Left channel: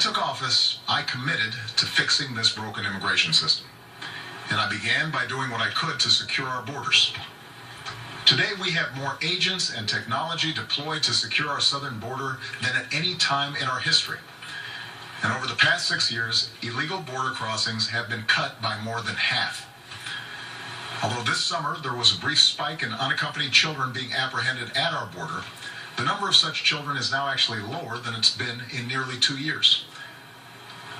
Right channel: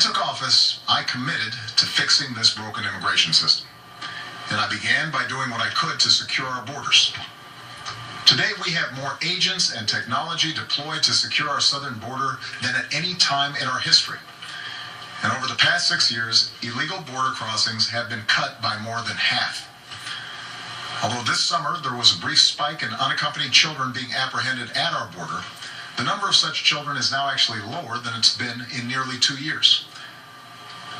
took office, I committed to fixing this broken immigration system. And I began by doing what I could to secure our borders. Today, we have more agents and technology deployed to secure our southern border than at any time in our history. And over the past 6 years, illegal border crossings have been cut by more than half. Although this summer there was a brief spike in unaccompanied children being apprehended at our border, the number of such children is now actually lower than it's been in nearly 2 years.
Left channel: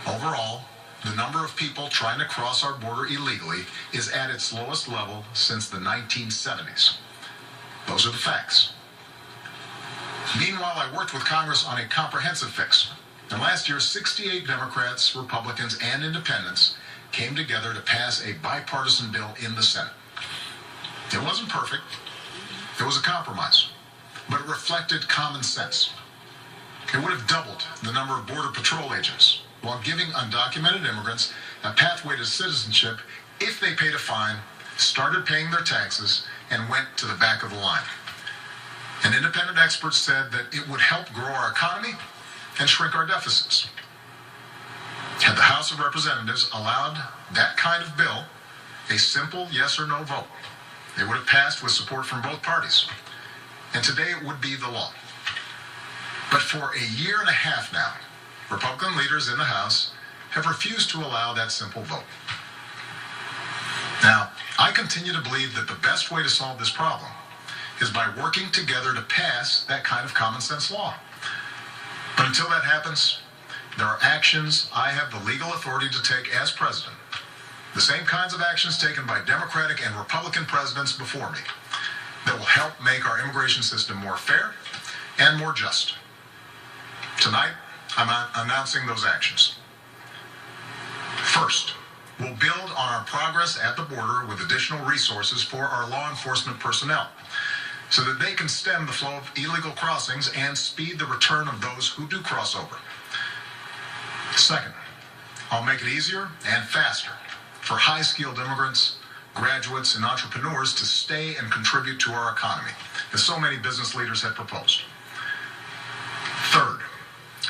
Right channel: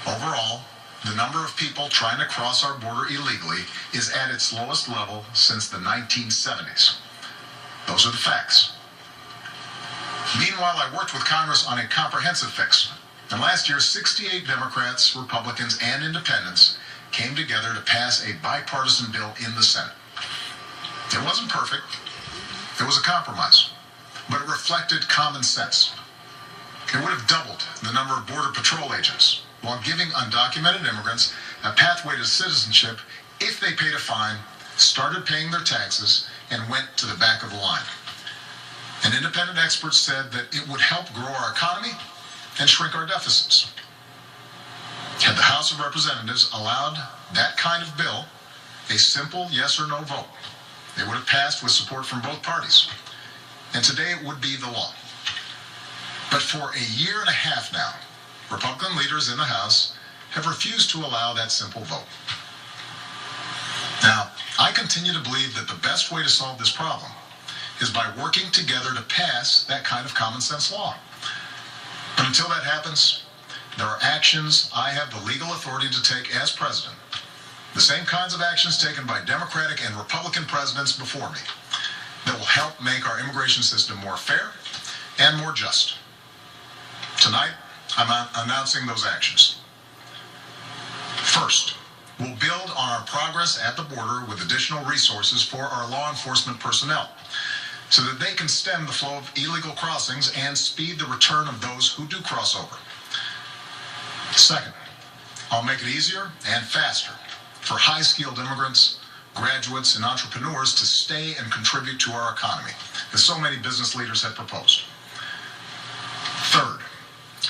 Overall, the number of people trying to cross our border illegally is at its lowest level since the 1970s. Those are the facts. Meanwhile, I worked with Congress on a comprehensive fix. And last year, 68 Democrats, Republicans, and independents came together to pass a bipartisan bill in the Senate. It wasn't perfect. It was a compromise. But it reflected common sense. It would have doubled the number of Border Patrol agents while giving undocumented immigrants a pathway to citizenship if they paid a fine, started paying their taxes, and went to the back of the line. And independent experts said that it would help grow our economy and shrink our deficits. Had the House of Representatives allowed that kind of bill, a simple yes or no vote, it would have passed with support from both parties. And today it would be the law. But for a year and a half now, Republican leaders in the House have refused to allow that simple vote. Now, I continue to believe that the best way to solve this problem is by working together to pass that kind of common sense law. But until that happens, there are actions I have the legal authority to take as president, the same kinds of actions taken by Democratic and Republican presidents before me, that will help make our immigration system more fair and more just. Tonight, I'm announcing those actions. First, we'll build on our progress at the border with additional resources for our law enforcement personnel, so that they can stem the flow of illegal crossings and speed the return of those who do cross over. Second, I'll make it easier and faster for high-skilled immigrants, graduates, and entrepreneurs to stay and contribute to our economy, as so many business leaders have proposed. Third,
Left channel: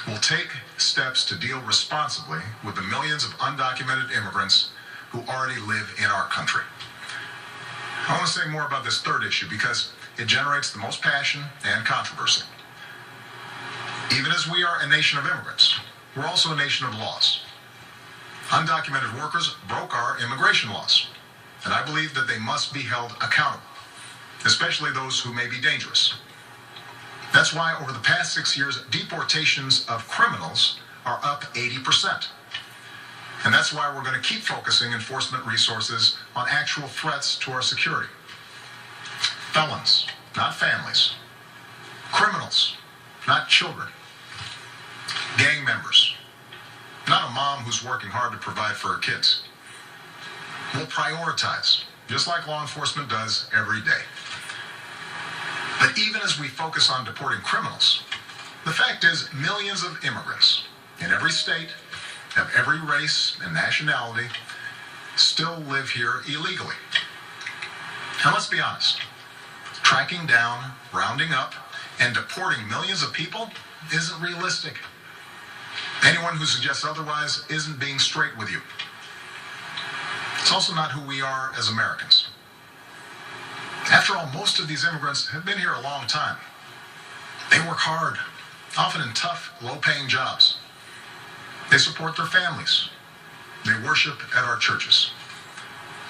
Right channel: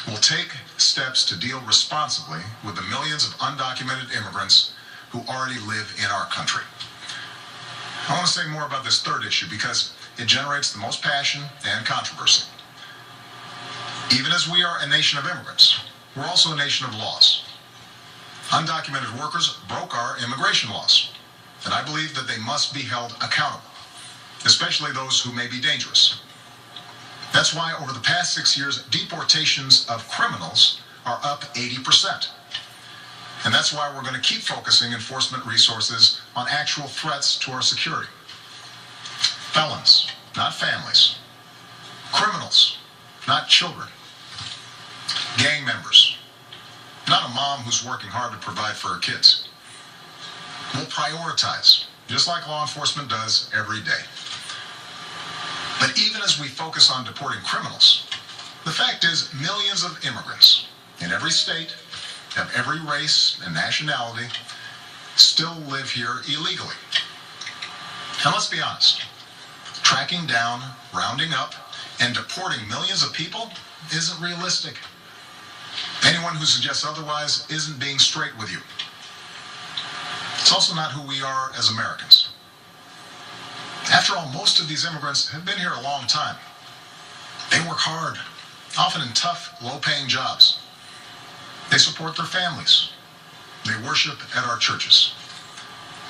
we'll take steps to deal responsibly with the millions of undocumented immigrants who already live in our country. I want to say more about this third issue because it generates the most passion and controversy. Even as we are a nation of immigrants, we're also a nation of laws. Undocumented workers broke our immigration laws, and I believe that they must be held accountable, especially those who may be dangerous. That's why over the past 6 years, deportations of criminals are up 80%. And that's why we're going to keep focusing enforcement resources on actual threats to our security. Felons, not families. Criminals, not children. Gang members, not a mom who's working hard to provide for her kids. We'll prioritize, just like law enforcement does every day. But even as we focus on deporting criminals, the fact is millions of immigrants in every state, of every race and nationality, still live here illegally. Now let's be honest. Tracking down, rounding up, and deporting millions of people isn't realistic. Anyone who suggests otherwise isn't being straight with you. It's also not who we are as Americans. After all, most of these immigrants have been here a long time. They work hard, often in tough, low-paying jobs. They support their families. They worship at our churches.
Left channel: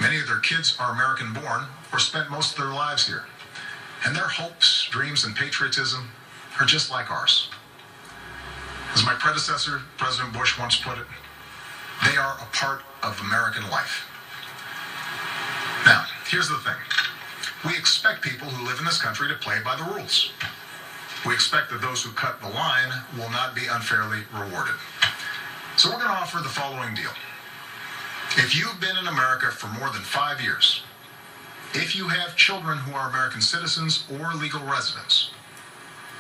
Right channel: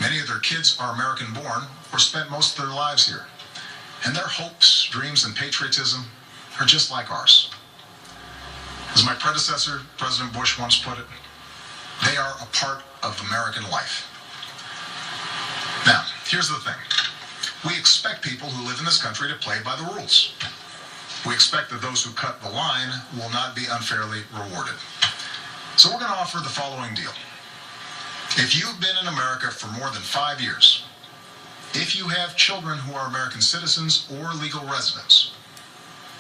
Many of their kids are American-born or spent most of their lives here. And their hopes, dreams, and patriotism are just like ours. As my predecessor, President Bush, once put it, they are a part of American life. Now, here's the thing. We expect people who live in this country to play by the rules. We expect that those who cut the line will not be unfairly rewarded. So we're going to offer the following deal. If you've been in America for more than 5 years, if you have children who are American citizens or legal residents,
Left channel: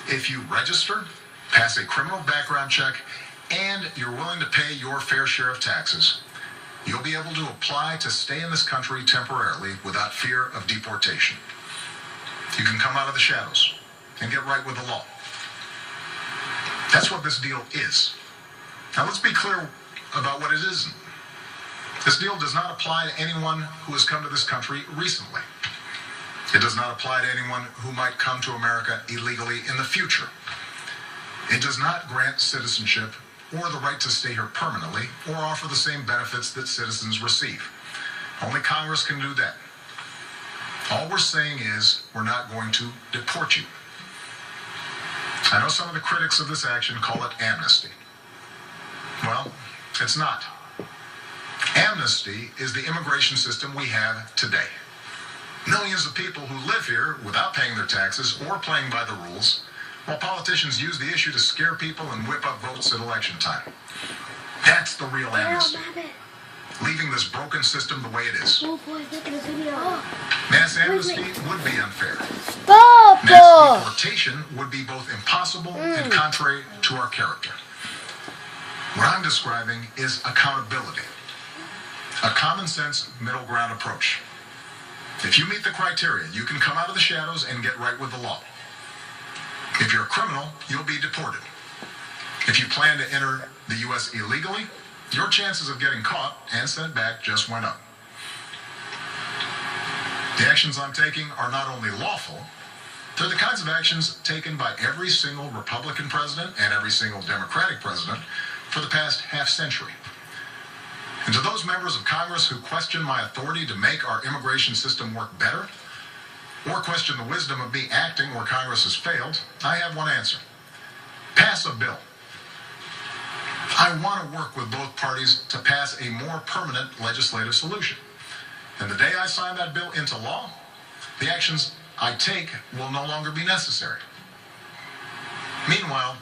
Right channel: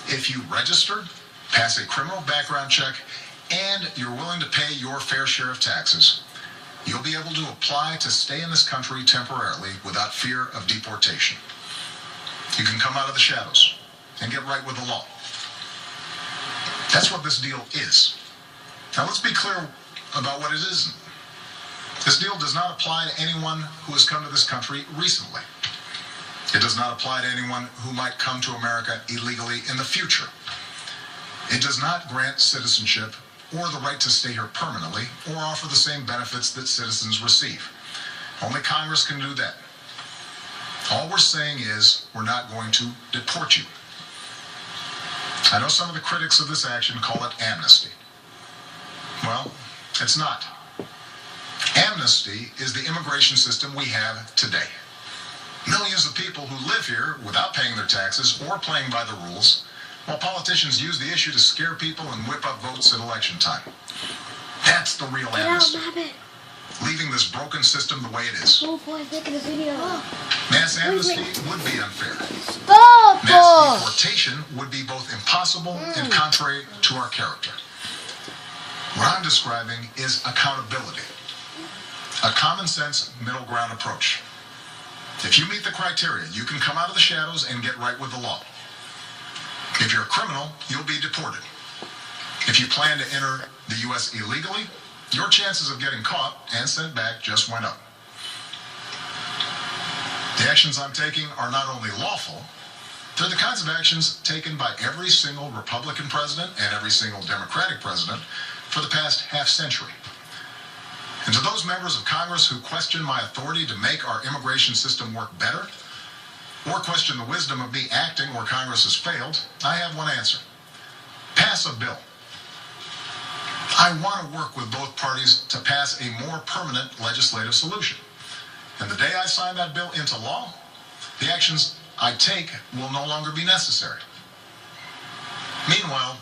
if you register, pass a criminal background check, and you're willing to pay your fair share of taxes, you'll be able to apply to stay in this country temporarily without fear of deportation. You can come out of the shadows and get right with the law. That's what this deal is. Now let's be clear about what it isn't. This deal does not apply to anyone who has come to this country recently. It does not apply to anyone who might come to America illegally in the future. It does not grant citizenship or the right to stay here permanently or offer the same benefits that citizens receive. Only Congress can do that. All we're saying is we're not going to deport you. I know some of the critics of this action call it amnesty. Well, it's not. Amnesty is the immigration system we have today. Millions of people who live here without paying their taxes or playing by the rules, while politicians use the issue to scare people and whip up votes at election time. That's the real amnesty. Leaving this broken system the way it is. Mass amnesty would be unfair. Mass deportation would be both impossible and contrary to our character. What I'm describing is accountability. A common sense middle ground approach. If you meet the criteria, you can come out of the shadows and get right with the law. If you're a criminal, you'll be deported. If you plan to enter the U.S. illegally, your chances of getting caught and sent back just went up. The actions I'm taking are not only lawful, they're the kinds of actions taken by every single Republican president and every single Democratic president for the past half century. And to those members of Congress who question my authority to make our immigration system work better, or question the wisdom of me acting where Congress has failed, I have one answer. Pass a bill. I want to work with both parties to pass a more permanent legislative solution. And the day I sign that bill into law, the actions I take will no longer be necessary. Meanwhile,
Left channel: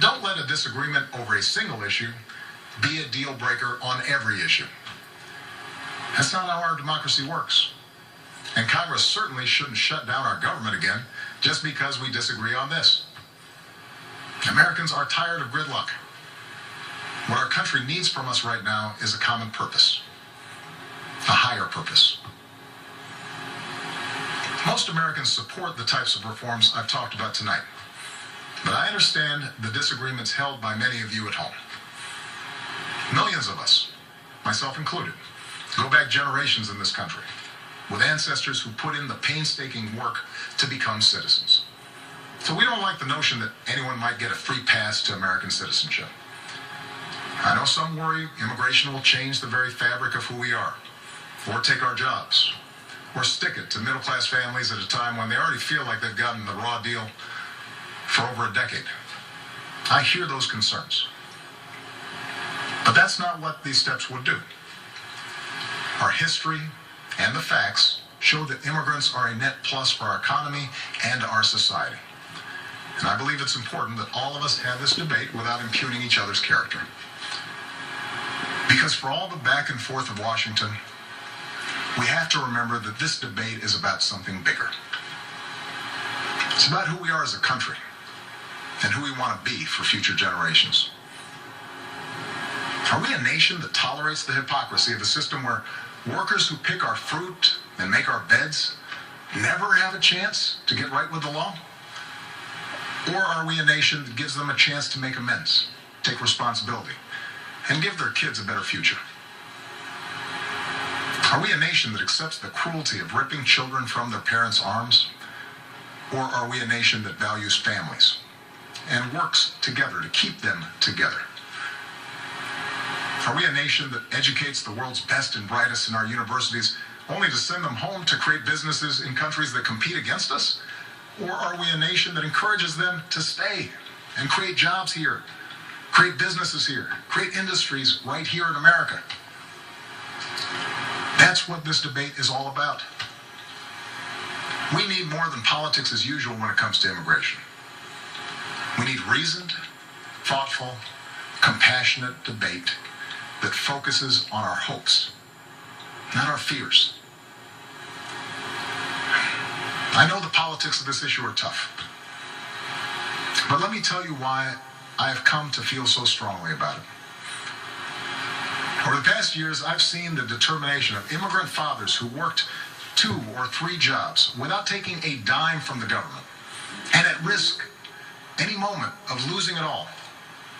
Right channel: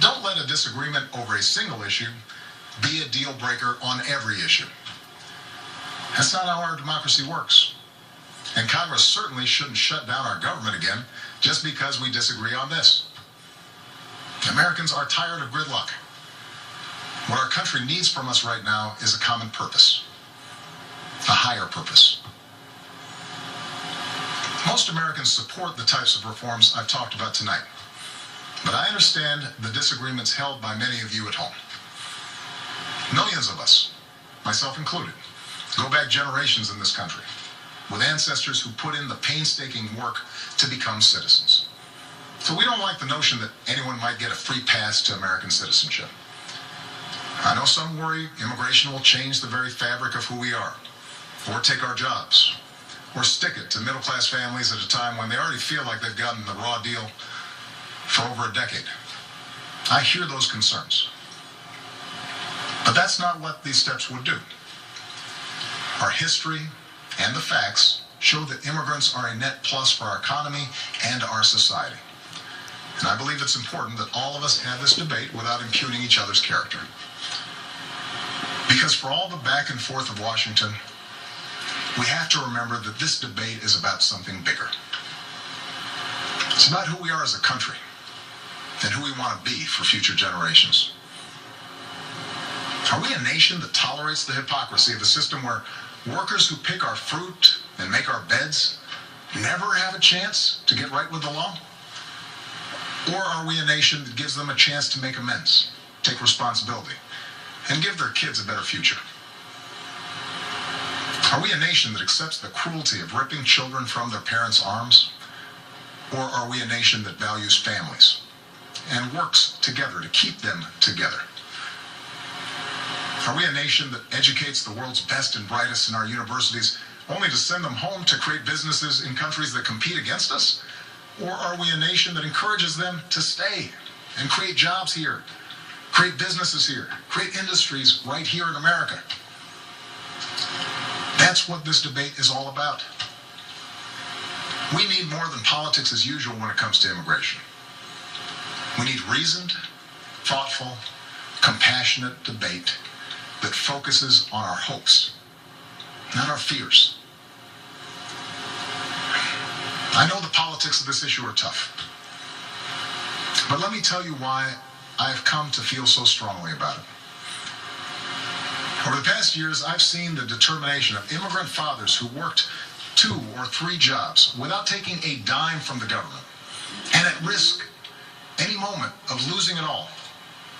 don't let a disagreement over a single issue be a deal breaker on every issue. That's not how our democracy works. And Congress certainly shouldn't shut down our government again just because we disagree on this. Americans are tired of gridlock. What our country needs from us right now is a common purpose, a higher purpose. Most Americans support the types of reforms I've talked about tonight, but I understand the disagreements held by many of you at home. Millions of us, myself included, go back generations in this country with ancestors who put in the painstaking work to become citizens. So we don't like the notion that anyone might get a free pass to American citizenship. I know some worry immigration will change the very fabric of who we are, or take our jobs, or stick it to middle-class families at a time when they already feel like they've gotten the raw deal for over a decade. I hear those concerns. But that's not what these steps would do. Our history and the facts show that immigrants are a net plus for our economy and our society. And I believe it's important that all of us have this debate without impugning each other's character. Because for all the back and forth of Washington, we have to remember that this debate is about something bigger. It's about who we are as a country and who we want to be for future generations. Are we a nation that tolerates the hypocrisy of a system where workers who pick our fruit and make our beds never have a chance to get right with the law? Or are we a nation that gives them a chance to make amends, take responsibility, and give their kids a better future? Are we a nation that accepts the cruelty of ripping children from their parents' arms? Or are we a nation that values families and works together to keep them together? Are we a nation that educates the world's best and brightest in our universities only to send them home to create businesses in countries that compete against us? Or are we a nation that encourages them to stay and create jobs here, create businesses here, create industries right here in America? That's what this debate is all about. We need more than politics as usual when it comes to immigration. We need reasoned, thoughtful, compassionate debate that focuses on our hopes, not our fears. I know the politics of this issue are tough, but let me tell you why I have come to feel so strongly about it. Over the past years, I've seen the determination of immigrant fathers who worked 2 or 3 jobs without taking a dime from the government, and at risk any moment of losing it all,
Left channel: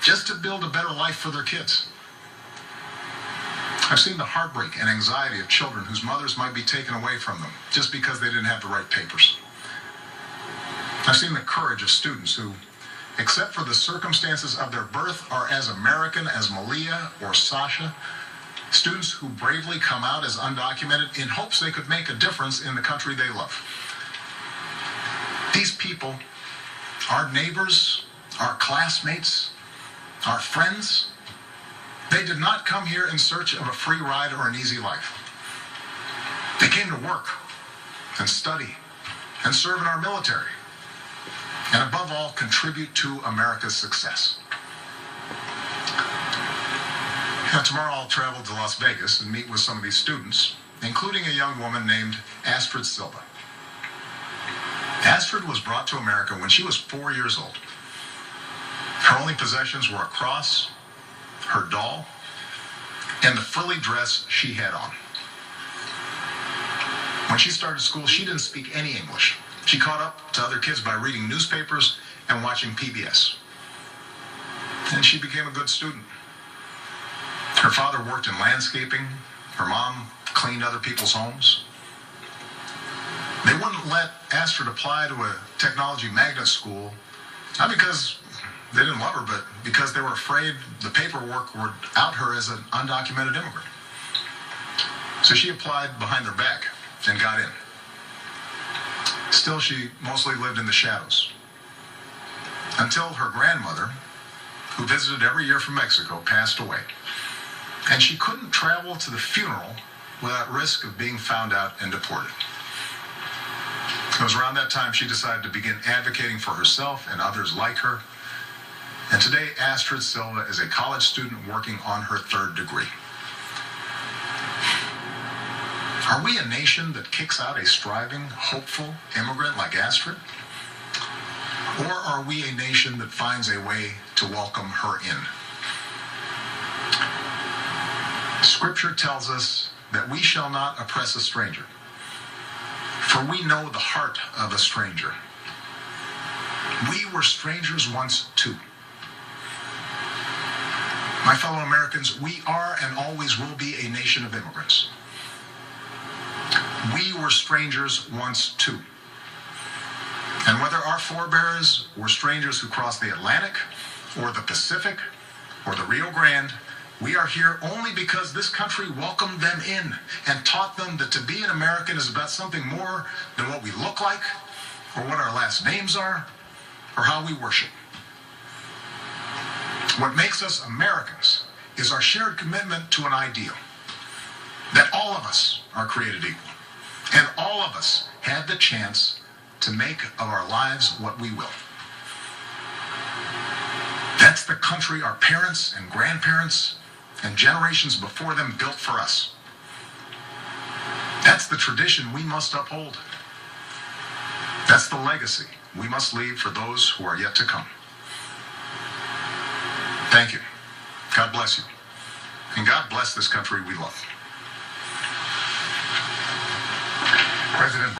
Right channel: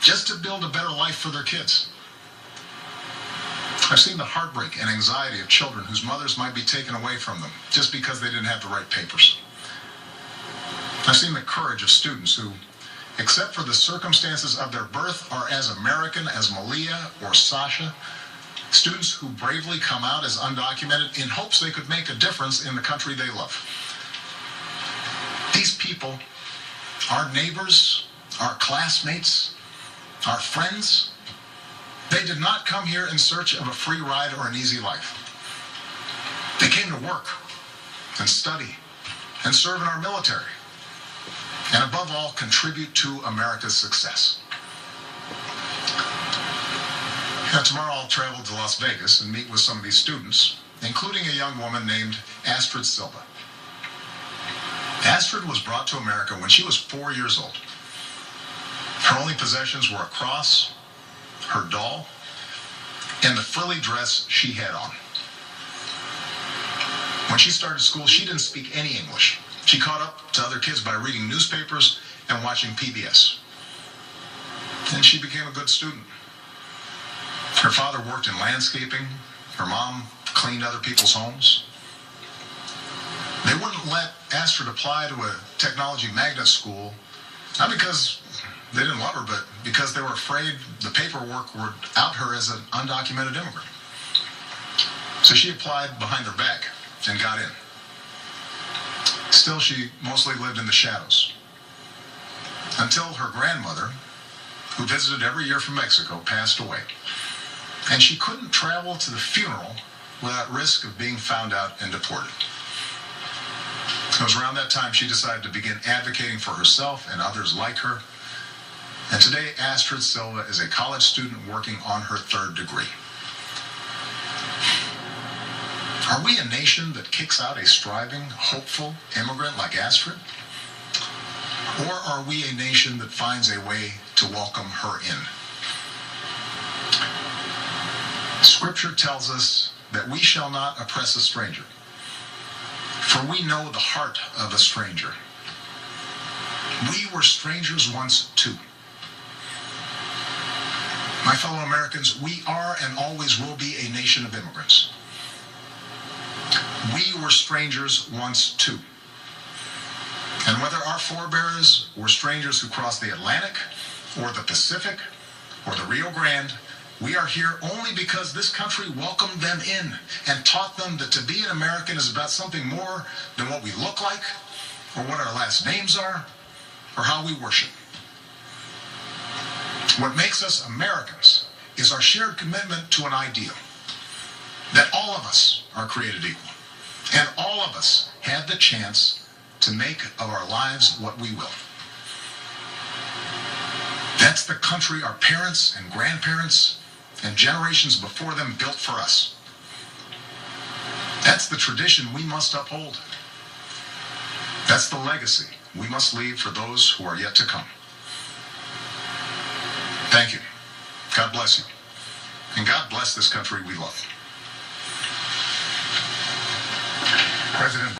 just to build a better life for their kids. I've seen the heartbreak and anxiety of children whose mothers might be taken away from them just because they didn't have the right papers. I've seen the courage of students who, except for the circumstances of their birth, are as American as Malia or Sasha. Students who bravely come out as undocumented in hopes they could make a difference in the country they love. These people, our neighbors, our classmates, our friends, they did not come here in search of a free ride or an easy life. They came to work and study and serve in our military, and above all, contribute to America's success. Now, tomorrow I'll travel to Las Vegas and meet with some of these students, including a young woman named Astrid Silva. Astrid was brought to America when she was 4 years old. Her only possessions were a cross, her doll, and the frilly dress she had on. When she started school, she didn't speak any English. She caught up to other kids by reading newspapers and watching PBS. And she became a good student. Her father worked in landscaping. Her mom cleaned other people's homes. They wouldn't let Astrid apply to a technology magnet school, not because they didn't love her, but because they were afraid the paperwork would out her as an undocumented immigrant. So she applied behind their back and got in. Still, she mostly lived in the shadows until her grandmother, who visited every year from Mexico, passed away. And she couldn't travel to the funeral without risk of being found out and deported. It was around that time she decided to begin advocating for herself and others like her. And today, Astrid Silva is a college student working on her 3rd degree. Are we a nation that kicks out a striving, hopeful immigrant like Astrid? Or are we a nation that finds a way to welcome her in? Scripture tells us that we shall not oppress a stranger, for we know the heart of a stranger. We were strangers once too. My fellow Americans, we are and always will be a nation of immigrants. We were strangers once too. And whether our forebears were strangers who crossed the Atlantic, or the Pacific, or the Rio Grande, we are here only because this country welcomed them in and taught them that to be an American is about something more than what we look like, or what our last names are, or how we worship. What makes us Americans is our shared commitment to an ideal, that all of us are created equal, and all of us have the chance to make of our lives what we will. That's the country our parents and grandparents and generations before them built for us. That's the tradition we must uphold. That's the legacy we must leave for those who are yet to come. Thank you. God bless you. And God bless this country we love. President